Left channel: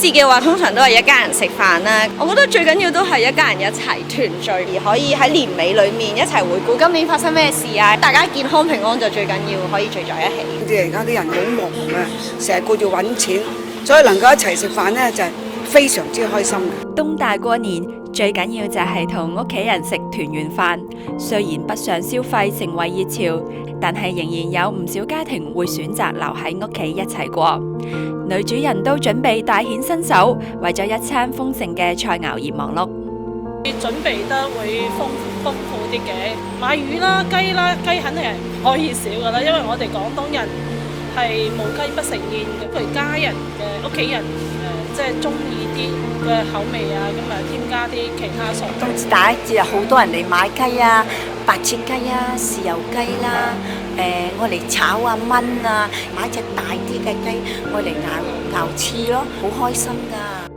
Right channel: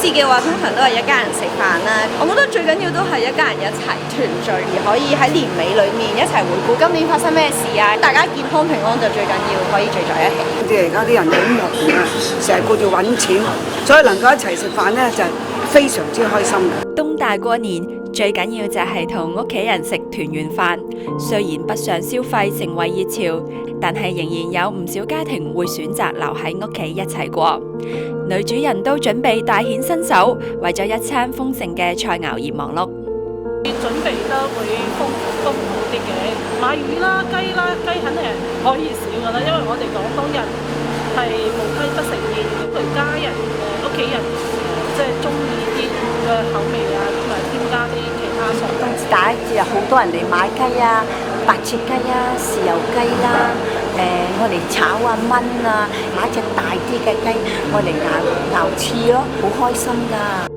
節嘅話，通常都係一家人食飯啦。我覺得最緊要都係一家人一齊團聚，而可以喺年尾裏面一齊回顧今年發生咩事啊！大家健康平安就最緊要，可以聚在一起。即係而家啲人好忙啊，成日顧住揾錢，所以能夠一齊食飯呢，就係非常之開心。東大過年最緊要就係同屋企人食團圓飯，雖然北上消費成為熱潮，但係仍然有唔少家庭會選擇留喺屋企一齊過。女主人都準備大顯身手，為咗一餐豐盛嘅菜肴而忙碌。準備得會豐富啲嘅，買魚啦、雞啦，雞肯定係唔可以少噶啦，因為我哋廣東人係無雞不成宴，咁佢家人屋企人即係中意啲嘅口味啊，咁啊添加啲其他餸。冬至大節日好多人嚟買雞啊，白切雞啊、豉油雞啦，我嚟炒啊、炆啊，買隻大啲嘅雞，我嚟熬翅咯，好開心㗎。